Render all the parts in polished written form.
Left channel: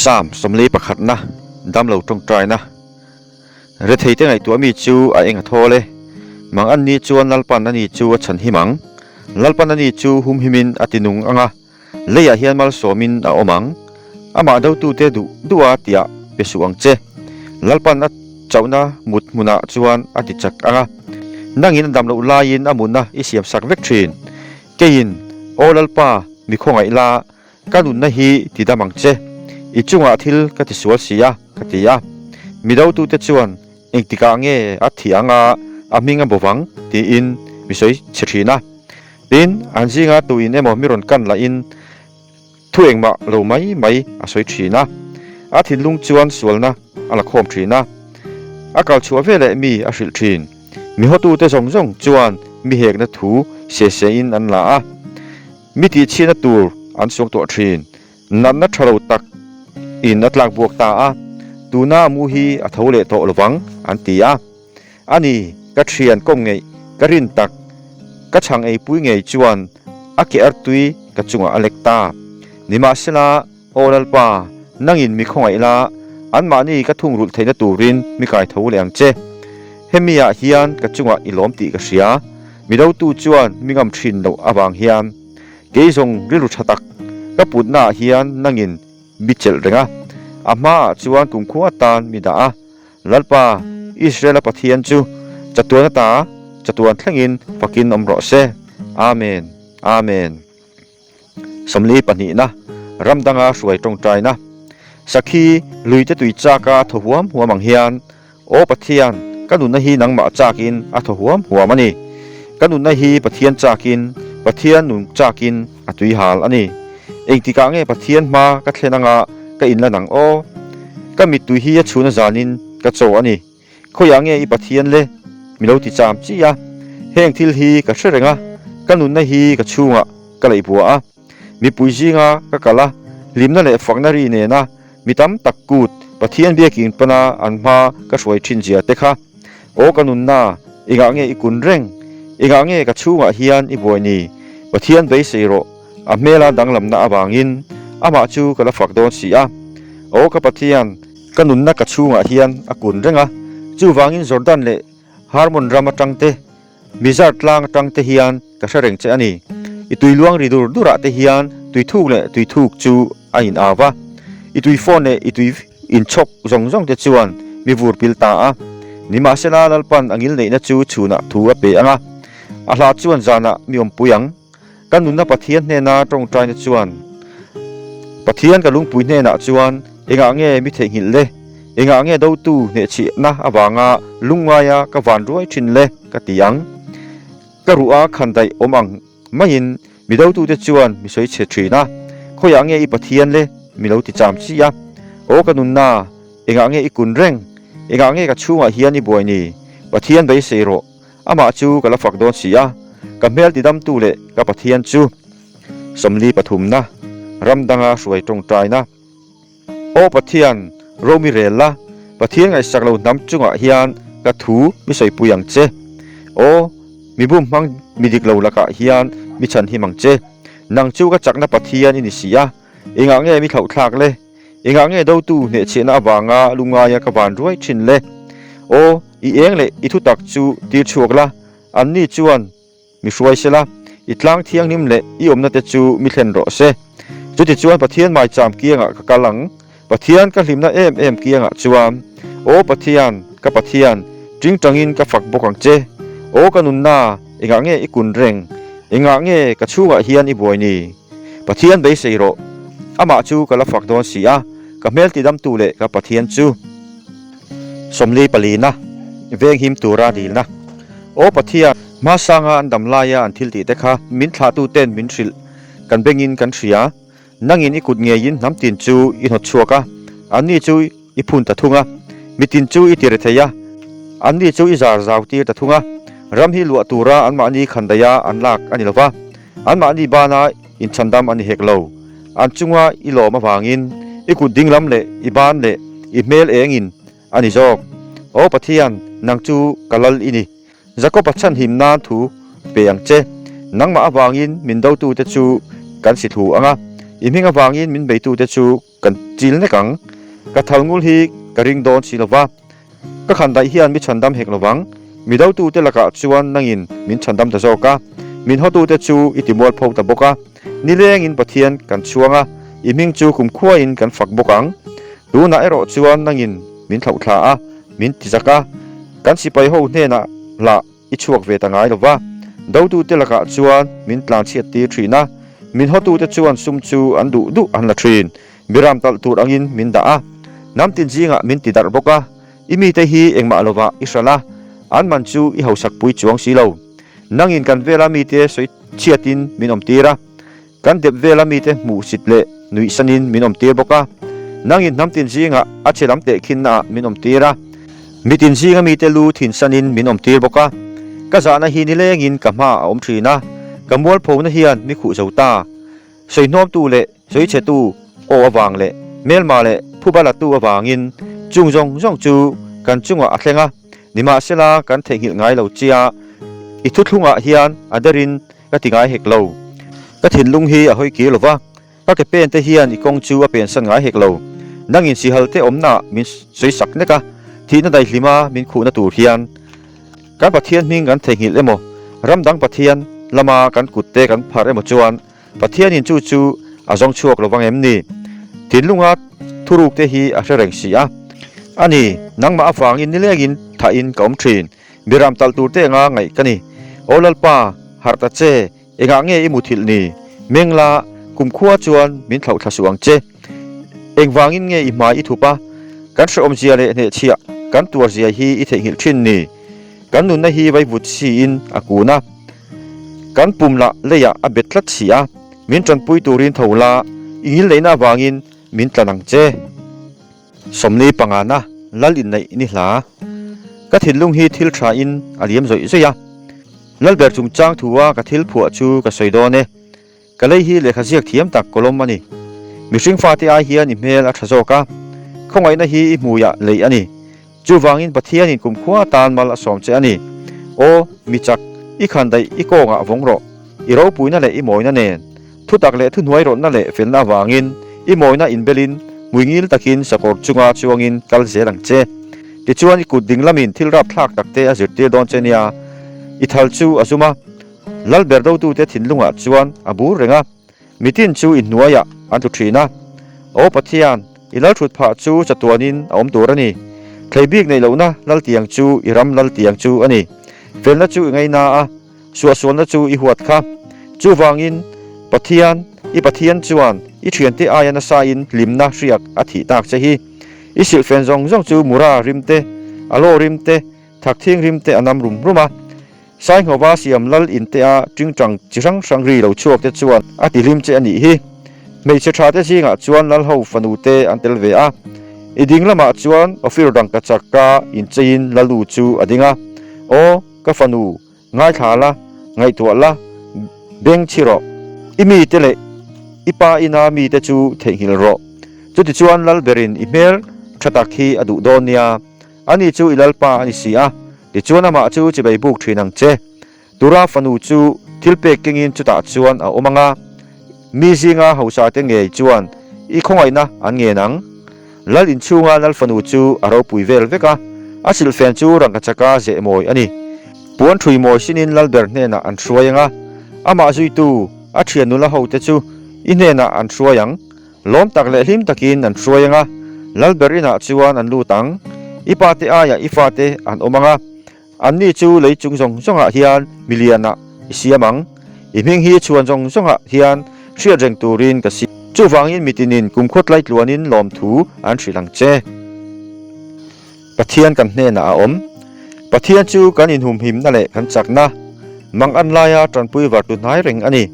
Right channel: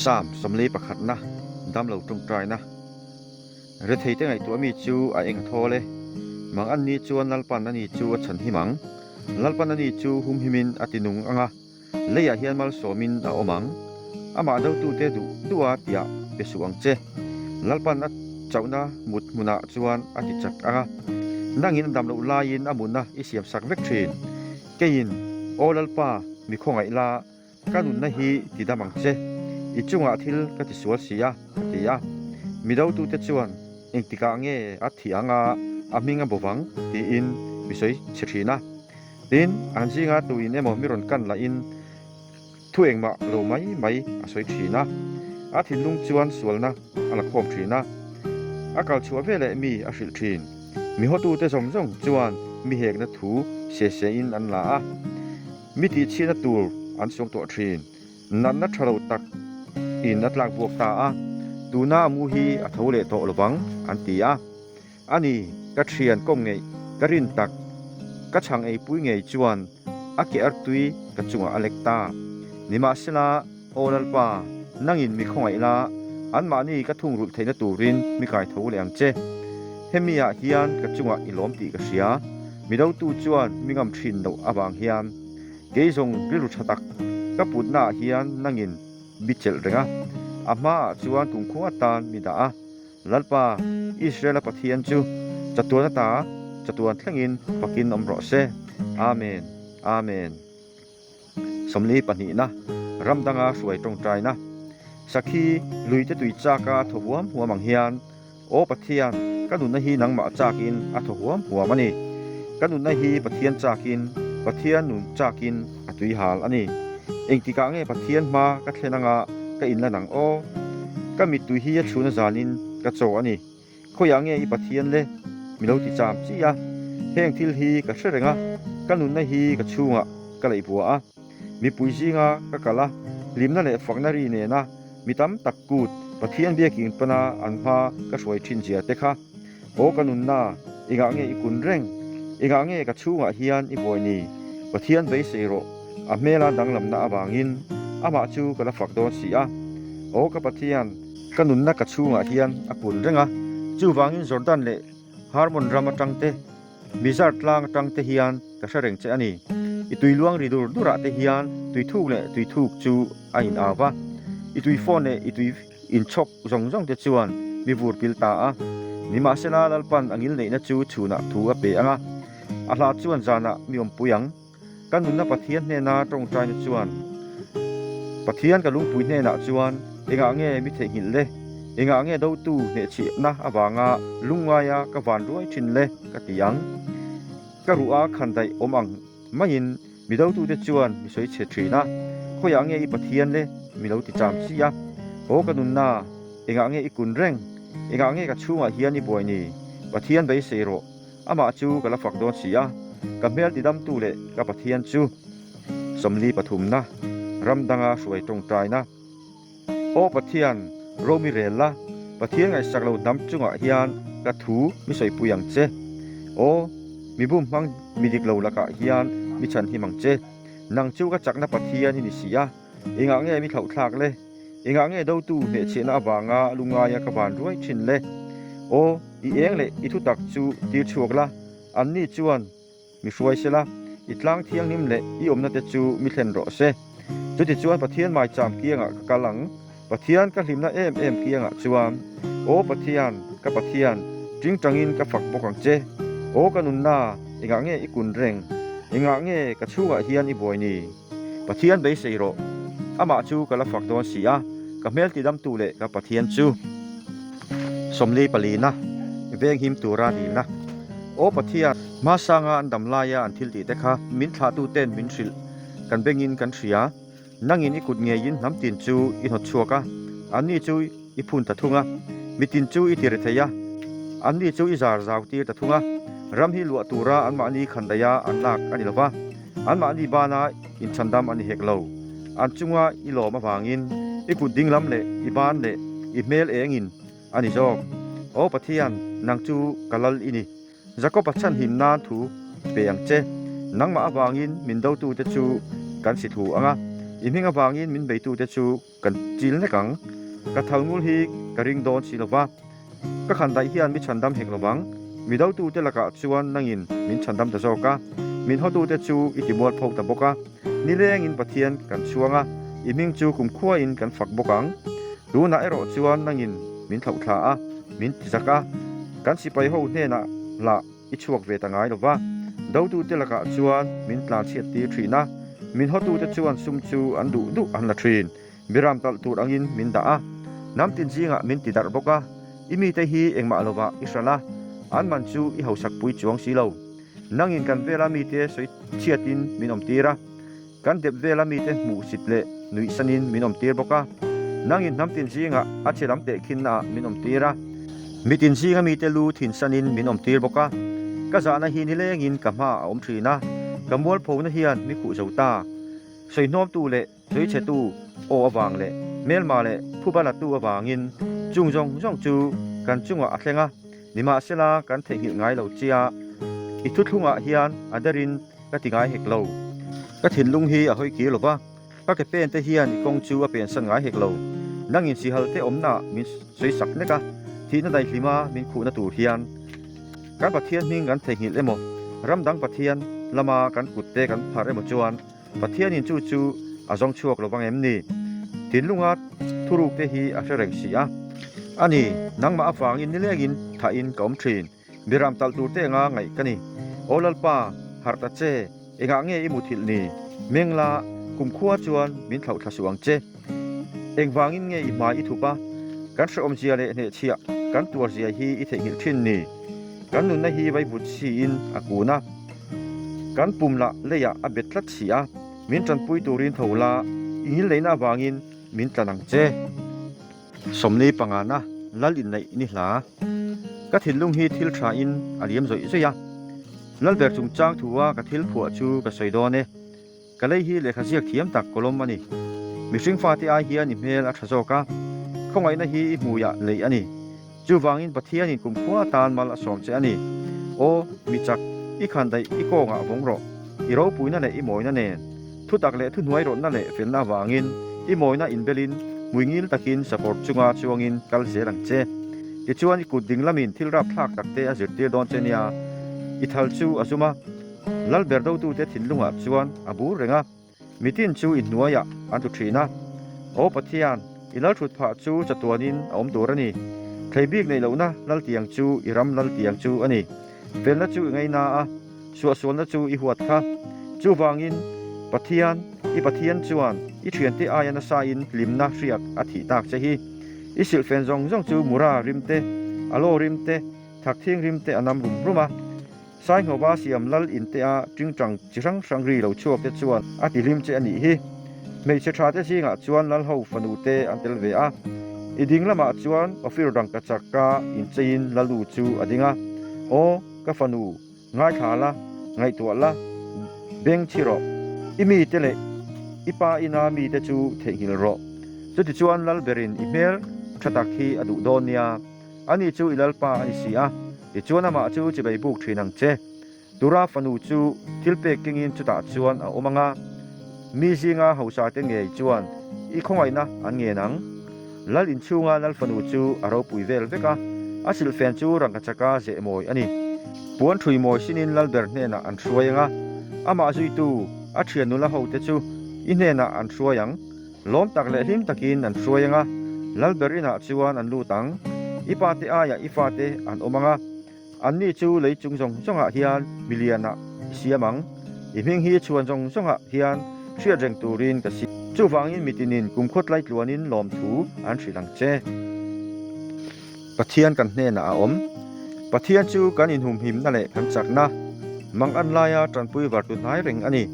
3สมลีประคัดนะดำเหล่าตรงใจนะเรื่องที่ไงตัวมีจูเองทอเลยมังอันนี้จวนลัลปันอันนี้จูฉันหิมังลัลปันอันนี้จูหุมหิมินอตินุงอ่ะเลียเฮียนมัลโสมินอมังอามาดาวตูเตดูอาติยาเปสุอังเจลัลปันอัดเจ้านะมุดมุนาจวนอติจักอ่ะนั่งยินดำเหล่าลายินอามุนนะอิเสียมสักเวกทรีนเกยินโอลัลปามีคงไอลาการุนนะฮีติดามังเจอีจุงอาทิลกัติสวลสียกัติยามีดาวตูเตจวนเองติกาเงอัฐิอังอามิงอันบวังตีอินมิสอยเชรีนะดินอันจิงอาตูอินเอมมิรอนกันละอินทุเองมาเราไม่อาศัยทรีนะอาทิลลุงจวนสวลนะอาลักโคมทรีนะอากาศชัวเวเลมีอาศิลทรีนมีหัวตูเตจงจวนมีเหกนัทูเสียอินอันละมีตีชีนัตูอันทรงตัวทรีนนันนัทเราตักอินนัดลางบวกตาตูน่ามูฮีอัฐวเลโตระวังอันตียาอันนี้ก็เชียนก้มไงก็รินตักก็ช่างไอปุ้ยไงจวนอักเกอร์ตุยก็จุงอเล็กตานิมาสลาโอลัลปานั่งอินมีคงไอลาอันมานี่ก็ทุ่งรุลเทนตูรินมีกายทวเลงเจเฮมียาเฮียนก็จุงอิลอมตีก็เสียมีดาวตูจวนมีงำชินดาวอบางเฮียนเกยงริลุชตักก็ปุดหน้าเฮียนนั่งอินบิเจลเรงะอามาจวนกุมขวตานมิดาลัลปาอิสราเอลปะเทียนจูจัตวนตาจัตวนทั้งอินปักินอมรอเซอาเมนอาเมนสำลีปนินะรำดังอาสวยตรงใจนะสักขีลุยจะตุยจากาทหัวหัวมังเฮียนโอปะเทียนกันนุนฮีนังมาจากินอาทหัวหัวมันนี่กันนุนฮีปะเทียนจากินปะเทียนนุนจากินอาตุยหาลอันนี้เองที่กางเงปะเทียนมาก็เทนังอาก็อินละนังโอก็มีตุยฮีชูนจานินก็โจอันนี้เขาอย่างเงี้ยอีปะเทียนเลยมีเราที่จามจีอะแห้งทิลฮีก็เชื่อไงกันนุนฮีก็ชูงะก็เลยบัวมีปุยจีงะก็กะละลิมนั่นแหละฝักนารีเนี่ยนะมีตั้มตักกูดปะเทียนเบียกินปนาอันมาก็สวยชินเจียเตค่ะโอกันนุนน่าอีกอย่างเงี้ยอีกุนเร่งอีกอย่างเงี้ยก็ชูงะเฮียนอีบัวนี่ปะเทียนไปเสียโรอเมลาดังลำนาบางอินอามาจูก็ละฝักโดนเสียโอกับปะเทียนกันนุนนักกชูงะเฮียนอากุนเร่งจูวางอินจอร์แดนเล่ฮาร์มอนรามาตังเตมิซาร์ตลางตังเตเฮียนก็เสร็จเจอันนี้อีตุยลวงริดูระเตเฮียนตุยทุกเล่ตุยทุกจูอินอาวะอีตุยฟอนเล่อีตุยอินชกจงเตจวนมีวูร์พิลตานิมาเซลาลัลปันอังอิลเล่นจูชูนะทัวเปอังอาลาจวนจานะมีอมปุยังกันนุนนักปะเทียนเนนาตรงใจนจวนปะเทียนกับลุงปุยเนนาจวนเองเงี้ยมิเทหินเล่เองเงี้ยดาวตูเนชินะอบางลุงวายากวันรวยชินเล่กติยังกรัวขันไดอมังไม่ยินมีดาวตูเดจวนมีสวยเฉดชีนะเขาอย่างเงี้ยอีปะเทียนเล่มีเราติดจามชียโอกันนุนนาเองเงี้ยอีกุนเร่งเองเงี้ยกับชูเฮียนี่บวยนี่ปะเทียนไปเสโรอามาจูกับละฝักโดนเสียกับเมลติดดำตูเล่กับปะเทียนจูสมลีปฐุมนะรำดังอาสวยตรงใจนะโอปะเทียนโรมิเรลล่าปะเทียนไงสักเรานำจุงเฮียนกระถูมิใส่ปุยังเจโอมีบุ้มมังมีดิกเราละกะเฮียนมีฉันหิมังเจนางจูก็จักนับปะเทียนอินิสิยาเองเงี้ยมีเขาทากเลยเองเงี้ยดาวตูเนเชนะบางลุงายากบานรวยชินเลยโออีเองเลยอีทุตักจูตีชัวกละอันนี้จวนมีช่วยเสละอีทางเที่ยงนิ่มเลยอีอมนัดจูมีเทนโรเซจุดที่จวนปะเทียนหมายจามเกียงกะลังปะเทียนก็ลิมนะเอ็มเกียงจวนโอปะเทียนกับปะเทียนจิงจังอินกับฝักบกังเจโอกันนุนนาเองเงี้ยอีกุนเร่งเองเงี้ยกับชูเฮียนอีบวยนี่ปะเทียนไปเสียโรอามาจูกับละฝักโดนเสียกับเมลติดดำตูเล่กับปะเทียนจูสมลีปลีนะเวงหิมตูราดีนะโอปะเทียนมาสร้างอันดำลายอันทิลติเตค่ะมินทาตูเต้นมินชิลกันเบงินกันเสียนั่งอินอีกุดเงียยินน้ำตินจูอินหดชัวกะอันนี้จูอีพุนตะทุงมิตินจูอีติเรเทียอันนี้จูอีจาร์จาวตีตะทุงรำฮิลวตูราอันมานีขันดายาอันลักอันนี้ละวะอันมานีบานาอินชันดามอันนี้เฮกโลอันจุงว่าอีหลอมาฟังอินอีกุดดิ้งลำเล่อีบานเล่อีเมลเองอินอันนี้จอกโอปะเทียนนางจูกัลลอินีจะก็ปัจจันหิมนานถูเปียงเจนังมาฟังอินมินดาวตูเตจูกันสิถูอ่ะ อิมิงอวางอินมินเบตูเตจูกันจิลเนกังกะทัลงุลฮีกะริงดอนสิลวะกะขันไดเฮียนมิชันดัมเฮกลวังมีดาวตูเตละกะชวนนังอินมินชันดัมตะโซกะมินฮอตูเตจูอิติมอลพอตะบกะนิเลงอินปะเทียนกันชวงะอิมิงจูคุมขัวอินกันฝักบกังดูนาเอโรชวนนังอินมินเท่าทาอะมินติจักะกันสิไปโฮเนนะละอิชวกเวตะงายลวะดาวตูเตละกะชวนมินตลางเชียตีทรีนะมินฮอตูเตชวนซุมจูอันดุอันละทรีนบิรามตัลตูอังอินมินดาอะน้ำตินจิงะมินติดาร์บกะอิมีเตฮีเองมาลวะอิสระละอันมันจูอิเฮาสักปุยจวงสีเหลานังอินกันเวลามีเตสวยเชียตินมินอมตีระกันเด็บเวลามีเตหมู่สิทเลนุยสันินมินอมตีบกะนังอินน้ำตินจิงะอาเชลัมเตคินนามินอมตีระมิตินจิงะมีเตลูทินสันินมินอมตีบกะกะจานะฮีนิเลงินกะมาอมทรีนะกะมวลโพนะเฮียนมิขุเจ้าตาสวยน้อมตูเลสวยเชตูโออวางเลเมลมาเลผู้บาลตูอวางินจุงจงจงจูกันจุงวะอัตเลงะนิมาเสลากันเทหิลง่ายเหล่าเจียอิทุลุงะเฮียนอัดรินก็ติง่ายเฮกเหล่าก็ถิ่นลุงฮีอะหอยกีหรอวะก็เก็บเป็นเตเฮียนอีกงจูอะเป็นสันง่ายเฮกเหล่านั่งอินสีฮัลเตอมนามินสวยสักเนกะที่นั่นได้ลิมามินคูนตูเฮียนการปะเทียนมิงกันเทหิลเอโมรำดังปะเทียนละมากันกุดเตกันพาเอโมจวนปะเทียนอินจูอาจงชัวกระวังเอ็มนี่ถิ่นลุงะทุรุกเตฮีอะเร่งสีอะอันนี้นังมาฟังอินนี่เลกินถ่ายอินกอมทรีนบิรามตัลตูเตงาไงกันนี่โอลัลปาฮาร์ตเจเองางเงอิมุทิลนี่เมงลากุมขัวจวนมินเท่าทัศวงเจเองวางอินเงอิมาอิทุปะกันสอมเจียเลเนเชียกันตัวเจียฮีอิเทหิลชินนี่กันนุนนะฮีไว้บุตรซีอินอากูนะกันปุ่มละเลยะอเบ็ดลัดเสียมินจันปุยตูรินเท่าละอินเลยนะวางอินมินตะนังเจสมนีปังานะลลินในนิลากะถินลุงฮีทิลทราอินอาเลียมจอยซะยะลลเบอร์จุงจางทัวกะทิลผัวจูกะสอยดอเนกะเลยฮีเลขะเสียกเทียมตักกลมมานี่มิสิงฟาติอาเฮียนิเมลอัทโซกะคงไว้นะฮีมูยะเลยอันนี้จูวางอินปะเทียนินกุมขัวตานมาละสอมเจอันนี้โอมิจักอีขันไดอีโกงะวงโรอีเราปุยนั่นแหละอีหมอยนั่นเองทุตักเละทุนหวยรถนั่นแหละเฟลนาวางอินอีหมอยน่ะอินเบลินมุยงิลตะกินสะกอจุงาจวงอินกัลเซรังเจดิจวนอีกุดดิงลามินทิลรับทักตักเตอจิตเตดอนเจเนียอิทัลจูอาซุมาลัลเบร์ดตูเตถินลุงะจวนอบูเรงะมิตินจูอินนัวยะอันตุทรีนะโอปะเทียนอิลัลชุดผาจูจัตวนินอมตัวนี่ใครบีกในเหล่านะลัลเตียงจูอิรัมลัลเตียงจูอันนี้เฟลละจูไงนาอะส่วนละจูอีหัวค่ะจูวางอินปะเทียนอีปะเทียนจวนอีเทียนเตอายานาซาอินลิมนาเรียกอธิตากเจฮีอีสิลเฟนจงจูมูราริมเตอโลริมเตทักทิ้งริมเตอนำรุมรุมาสายหัววาเสียมลัลอินเตอาจึงจังจิรังสังรีเหล่าชวกเตจวนอธิริมเจอันนี้ฮีไม่เชื่อชาเตจิงะจวนลัลเฮาฟันูเตอันเตลเวอาอีดิ่งละมาจวนอฟิรดังกะจักกาอินจีนลัลูจูอดิ่งะโอกะฟันูง่ายขาละง่ายตัวละเบงชิโรอิมีเตเลอีปาอินามีเตจูเทหิลโรจุดที่จวนลัลเบรินอีเมลชัตักฮีอดุโดเนียอันนี้จูอิลัลปาอันนี้เสียดิจวนมาจูจะไปบุกทรีนังเจตุราฟันูจูทิลเปกกิงอินจุดตัดจวนเอาอมังะมีซิงาเฮาซาเตงเงยจวนอีคงไงนะอันเงนังลัลอินชูงาลัลฟันูจูอารอปุยเวลเวกะอาศิลเฟนจูรังกัจกาเจมอยอันนี้ปวนทรีมอยชินินลัลเบร์เนนะอันช่วยงะอามาจุยตูอาเทียนุละเฮาเตจูอินเนนะอันช่วยยังล้อมตักเละหิมตะกินอันช่วยยังะลัลเบรินะจวนอันลูตังอีปาเตอายะอีฟาเตอันอมังะอันนี้จูเลยจุงจงจงหะเฮียนมิเลียนะอิเสียมังอีเพ่งฮีชวนจงจงหะเฮียนเชื่อเจงตูรินกสิจูฟังอินมิตินินกุมขดไลลวนินลอมถูอันทรีลังเจปะเทียนกันเนนะอมปะเทียนจูกันอินหุมหิมนั่นแหละกันจักนะมังอันลายาตรันปุยวัดตุนหายเริงอันนี้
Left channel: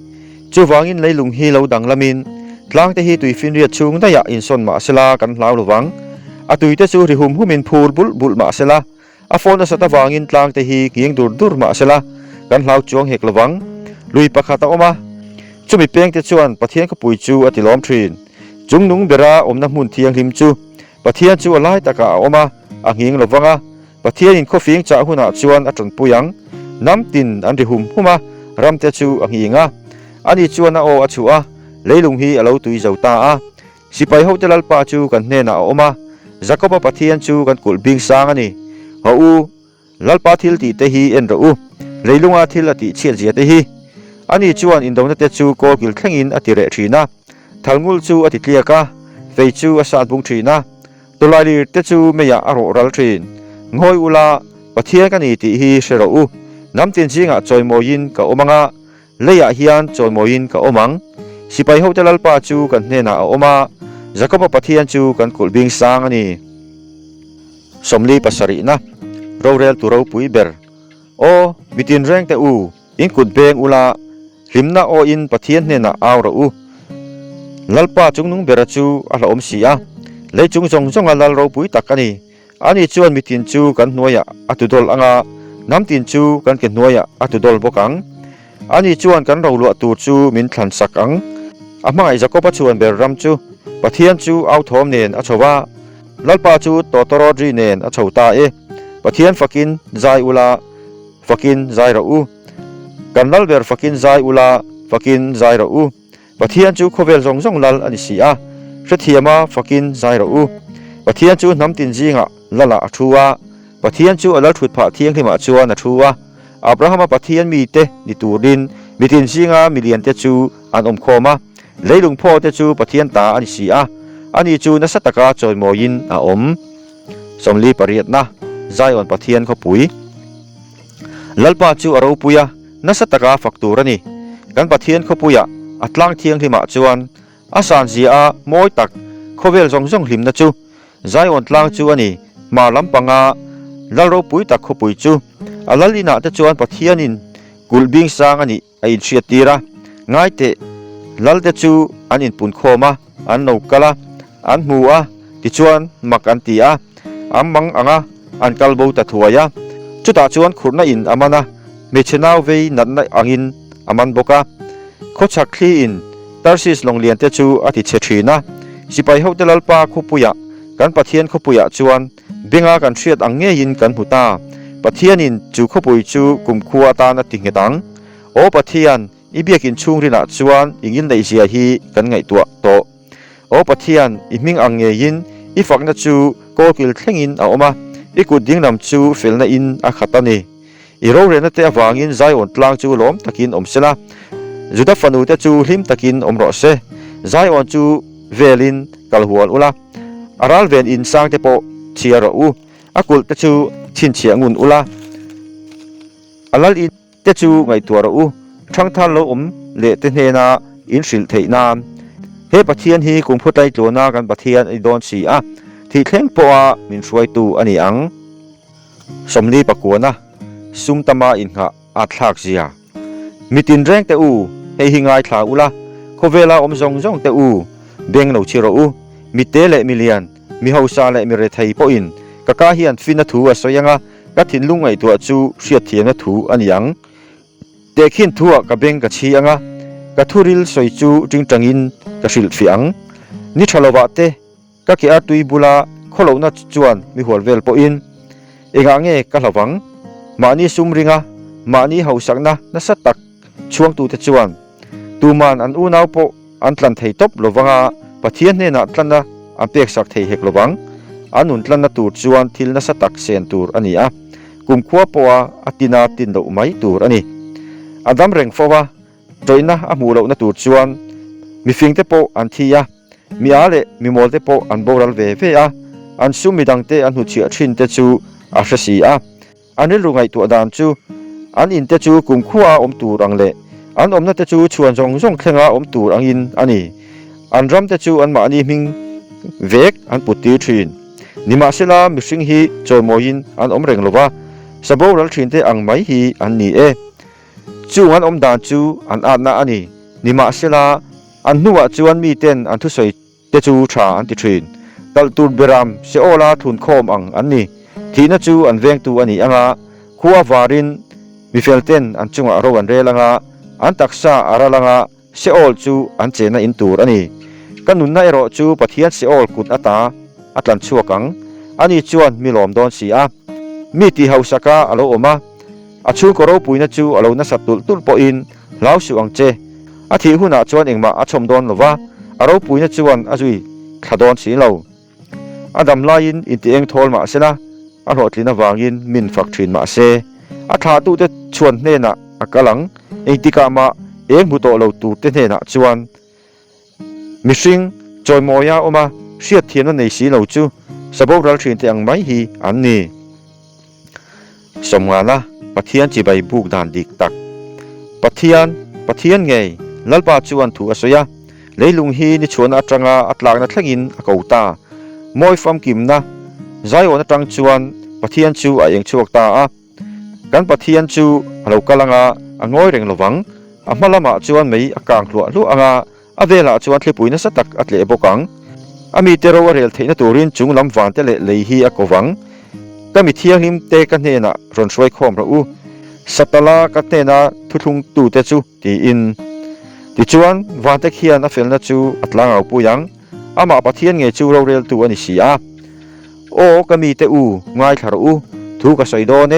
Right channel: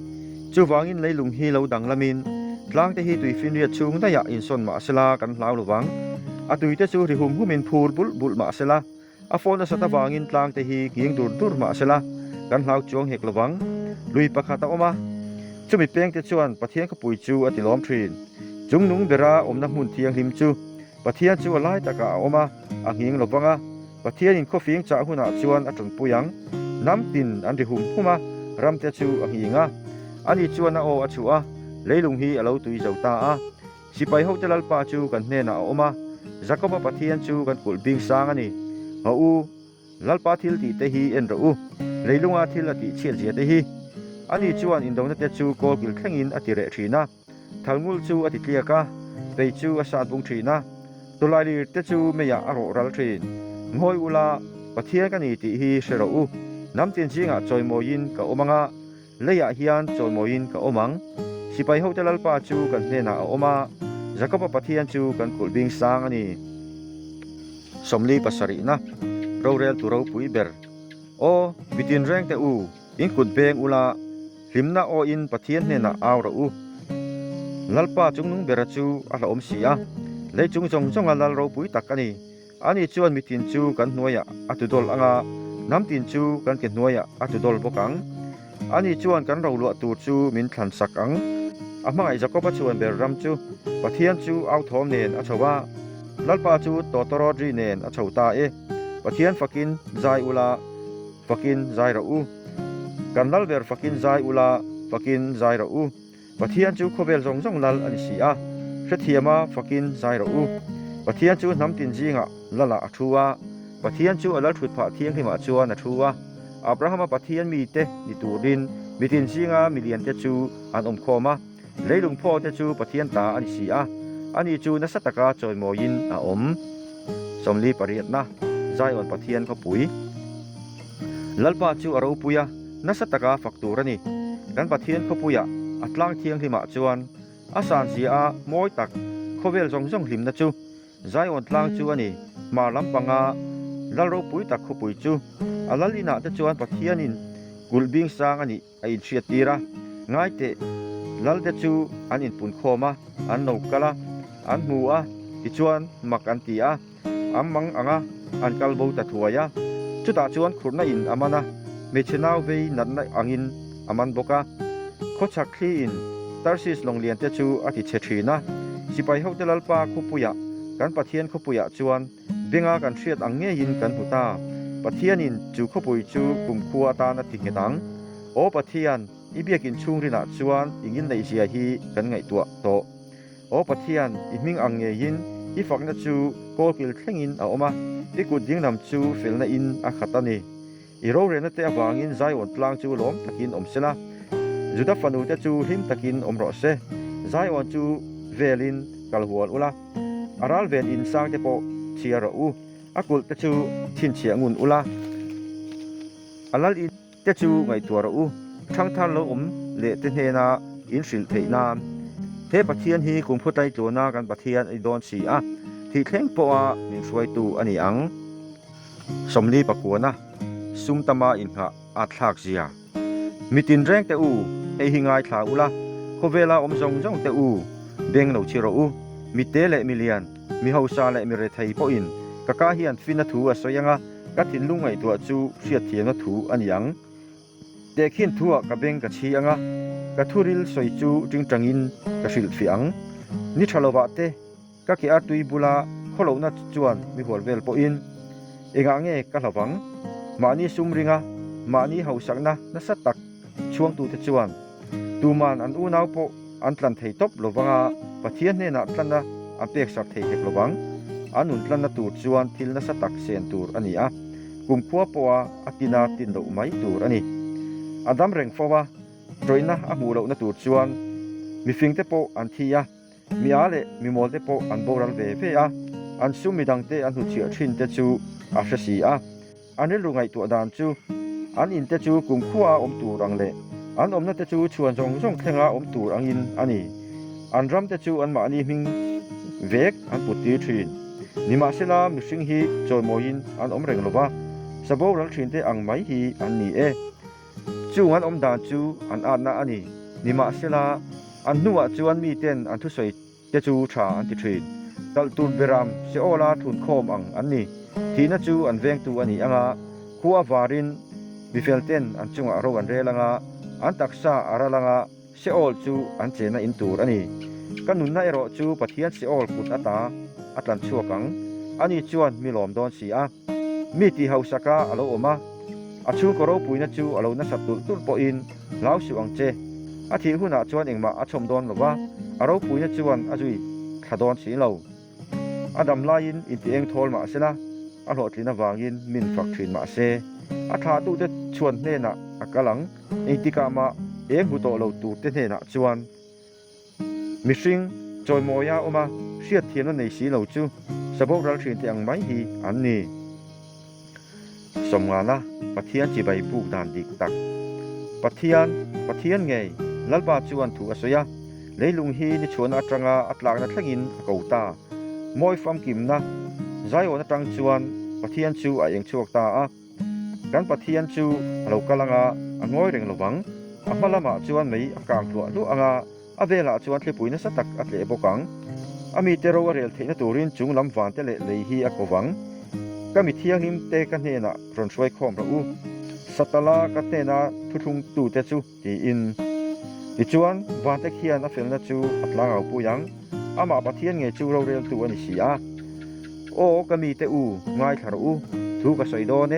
จูฟังอินเลยลุงฮีเหลาดังละมินกลางแต่ฮีตุยฟินเรียชุงได้ยาอินซอนมาเสลากันลาวระวังอตุยเตจูริหุมหุมินพูลบุลมาเสลาอฟอนสตะวังอินกลางแต่ฮีกิงดูรมาเสลากันลาวจวงเฮกระวังลุยปะคาตาอมาจุมีเปียงเตจวนปะเทียนก็ปุยจูอติล้อมทรีนจุงนุงเบราอมน้ำมุนเทียงริมจูปะเทียนจูอะไรตะกะอมาอังหิงระวังปะเทียนอินข้อฟิงจ่าหุนาจวนอัจนปุยังน้ำตินอันริหุมหุมารำเตจูอังหิงอันนี้จวนนาโออัจฉวะ leilung hi alo tui zauta a sipai ho telal pa chu kan hne na oma jacoba pathian chu kan kul bing sang ani ho u lalpa thil ti te hi en ro u leilunga thil ati chiat zia te hi ani chuan indona te chu ko gil thlengin atire thina thalngul chu ati tliaka fei chu asa bung thina tolali te chu meya aro ral thin ngoi ula pathian kan ni ti hi sero u namtin jinga choimoin ka omanga leya hian choimoin ka omang sipai ho telal pa chu kan hne na oma jacoba pathian chu kan kul bing sang ani somli pasari na rorel turau pui ber o bitin reng te u in kut beng ula rimna o in pathian hne na awra u lalpa chungnung bera chu ala om sia leichung jong alal ro pui takani ani chuan mitin chu kan hnuaya atudol anga namtin chu kan ke hnuaya atudol bokang ani chuan kan ro lu tu chu min thlan sak ang amai jacoba chuan ber ram chu pathian chu au thom nen achowa lalpa chu totoro dri nen achota e pathian fakin zai ula fakin zai ro u kan lal ber fakin zai ula fakin zai ro u pathian chu khovel jong lal ani sia thriama fakin zai ro u pathian chu namtin jinga lala athuwa pathian chu alal thut pha thiang hima chuan athuwa abrahama pathian mi te ni turin mitin jinga million te chu an om khoma leilung pho te chu pathian ta ani sia ani chu na sataka choimoin a om somli pariat na zaion pathian kho pui lalpa chu aro puya na sataka fakturani kan pathian kho puya atlang thiang hima chuan asan zia moi tak khovel jong hlim na chu zaion tlang chu ani ma lampanga lalro pui tak kho pui chu alalina te chuan pathianin gulbing sang ani ai chiatira ngai te lal te chu anin pun khoma an no kala an hua ti chuan mak an tia amang anga an kalbo ta thuaya chuta chuan khurna in amana mechenau vei natna angin aman boka khochak khli in tarsis longlian te chu ati chethina sipai hotelal pa khupuya kan pathian khupuya chuan benga kan thiat ange in kan huta pathianin chu khupui chu kumkhua ta na tingetang o pathian ibiakin chungrina chuan ingin nei zia hi kan ngai tua to o pathian iming ange in ifakna chu kokil thlengin a oma ikut dingnam chu felna in a khatani iro rena te awangin zaion tlang chu lom takin omsela juda fanu te chu hlim takin omro se zaion chu velin kalhual ula aral ven in sang te po chiaro u akul te chu chin chiangun ula alal in te chu ngai tuaro u thang than lo le te hena in sil theina he pathian hi kungphutai tlona kan pathian I don si a thi thleng po a min suai tu ani ang somni pakuana sumtama in kha athak zia mitin reng te u he hingai thla ula khovela omjong te u beng no chiro u mite le million mi hausa le mi re thai po in kaka hian fina thu a soyanga ka thin lungai tu chu hriat thiana thu aniang tekhin thua ka beng ka chi anga ka thuril soi chu tingtangin ka sil fiang ni thalowa te ka ki atui bula kholona chuan mi holvel po in enga nge ka hlawang mani sumringa mani hausakna na satak chuang tu te chuan tuman an unau po an tlan thei top lowanga pathian hne na tlanna an pek sak thei hek lowang anun tlanna tur chuan thil na satak sen tur ania kumkhua poa atina tin do mai tur ani adam reng fowa toina amulo na tur chuan mi fingte po an thia mi ale mi molte po an boral ve ve a an sumidang te an hu chia thin te chu a hrasi a anil rungai tu dan chu an in te chu kumkhua om tur angle an omna te chu chuan jong thlenga om tur angin ani an ram te chu an ma ni hming vek an puti thin nima sela mishing hi choimoin an om reng lova saboral thin te ang mai hi an ni e chu an om dan chu an atna ani nima sela an nuwa chuan mi ten an thu soi te chu tha an ti thin tal tur beram se ola thun khom ang an ni thina chu an veng tu ani anga khuwa warin mi felten an chunga ro an relanga an taksa aralanga se ol chu an chena in tur ani kanun na ero chu pathian se ol kut ata atlan chuakang ani chuan milom don si a mi ti hausaka alo oma achu koro puina chu alo na satul tul po in lau su angche อาทิหุนะจวนเองมาอาชมดอนลว่าอารปุยนะจวนอาจุยขดอนสีเหลาอาดำลายินอินตีเองทอลมาเสนะอาหดลินวางยินมินฝักทรินมาเสอาทาตุเตชวนเนนะอากลังเองติกามาเองบุโตเหลาตูเตเนนะจวนมิสิงจอยมอยาอมาเสียเทียนในสีเหลาจูสบกรัลทรินเตียงไม่ฮีอันนี้สมงานะปะเทียนจีใบบุกดานดิกตักปะเทียนไงลัลปาจวนถูกอสยาเลยลุงฮีนิชวนอัตรังอัตลากนัทลักินอากาตามอยฟัมกิมนะใจวันตรังจวนปะเทียนจูอายังชวกตากันปะเทียนจูเรากำลังงอยเร่งระวังมาละมาจวนไม่อากางหลัวลุอาเวลาจวนทลิปุยนัสตักอัตเลบกังมีเตโรวเรลเทนตูรินจุงลำวันเตเลเลยฮีอากวังก็มีเทียงหิมเตกันเนนะรอนช่วยคอมระอูสัตลากันเนนะทุทุงตูเตจูตีอินติจวนวันเตเขียนอเฟลนะจูอัตลางเอาปุยังมาปะเทียนเงจูเราเรลตัวนิสิอาโอก็มีเตอูง่ายคารูถูกกระสอยโดเน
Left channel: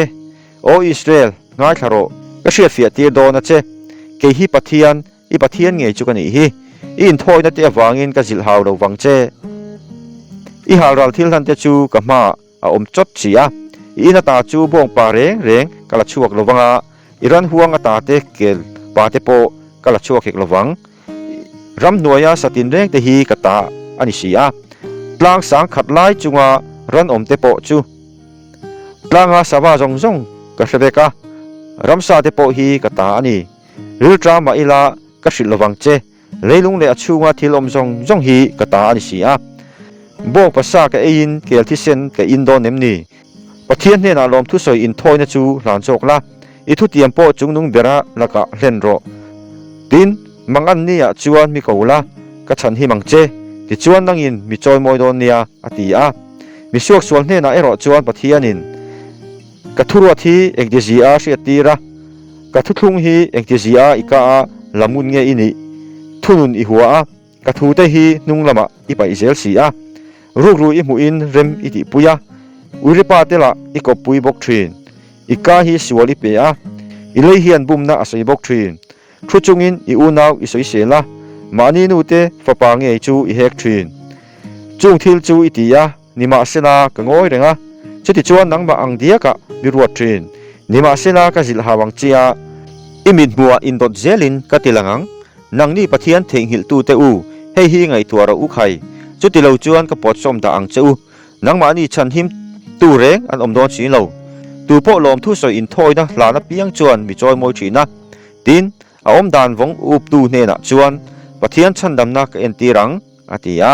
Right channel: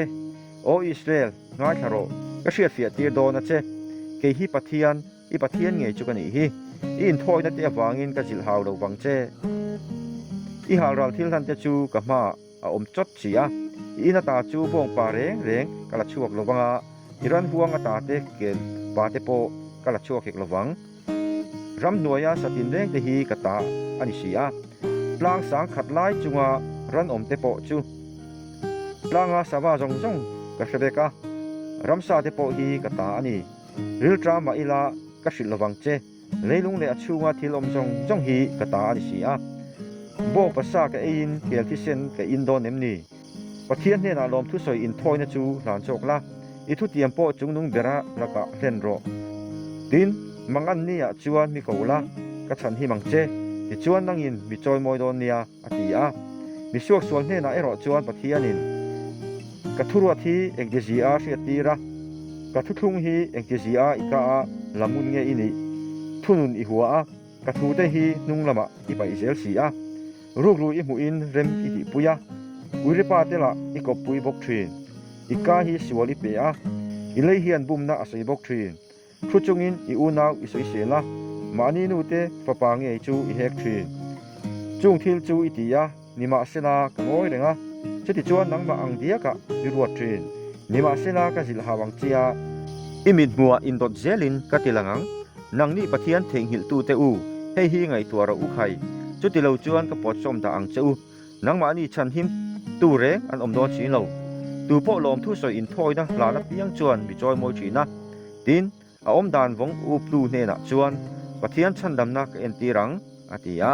โออิสราเอลง่ายคารุก็เชียฟียตีโดนะเจเกฮิปะเทียนปะเทียนเงจูกันนี่ฮีอินทอยนัดเตวางอินกับจิลฮาวเราวังเจฮารัลทิลทันเตจูกับมาอมจดเสียอินตาจูบงปาเรงกละชวกระวังอิรันห่วงตาเตเกลปาเตโปกละชวกเกระวังรำหน่วยสตินเรงเตฮีกตาอันิเสียกลางสังขัดไล่จุงรันเตโปจูกลางสาวาจงกระเบการำซาเตโปฮีกตาอันนี้ริลตรามาอิลากระสิระวังเจเลยลุงเลอชูงทิลอมจงฮีกตาอันิเสียบอกภาษากับอินเกลที่เซนกับอินโดเนมนีประเทศเนี่ยนะลมทุสอยอินทอยนะจูหลานโจกละอิทุเตียมโปจุงนุงเบระละกะเล่นโรดินมังอันนี้จวนมีกูละกะฉันหิมังเจที่จวนนั่งอินมีจอยมอยโดนเนียอติอามีช่วงส่วนเนี่ยนะรอจวนประเทศนินกะทุรวทีเอกดิจิอาเสียตีระกะทุทุงฮีเอกดิจิอาอีกาละมุนเงอินีทุนุนอีหัวกะทุเตฮีนุงละมะอีไปอิเซลสีอารูกอิมุอินเรมอิติปุยาอุริปาเตละอีกบปุยบกทรีนอีกาฮิสวลิเปียอิเลยเฮียนบุมนะอาศัยบกทรีนทุจุงอินอีอูนาวอิสวยเสละมานีนูเตฟปางเงจูอีเฮกทรีนจุงทิลจูอิติยานิมาเซนากงอยเรงจุติจวนนังมาอังเดียกะมิรวดทรีนนิมาเซนากะจิลฮาวังเจียอิมิดบัวอินดอดเจลินกะติลังนังนี่ปะเทียนเทงหิลตูเตอูเฮฮีไงตัวเราอุไข่จุดที่เราจวนก็ปอดส้มตาอังเจ้านังมานี่ฉันหิมตูเร่งอันอมดอนสีเราตูโปลมทุสอยอินทอยนะลานับยังจวนมีจอยมวยฉีนะดินอมดานวงอุบดูเนนะจวนปะเทียนฉันดำนักเอ็นตีรังอาติยา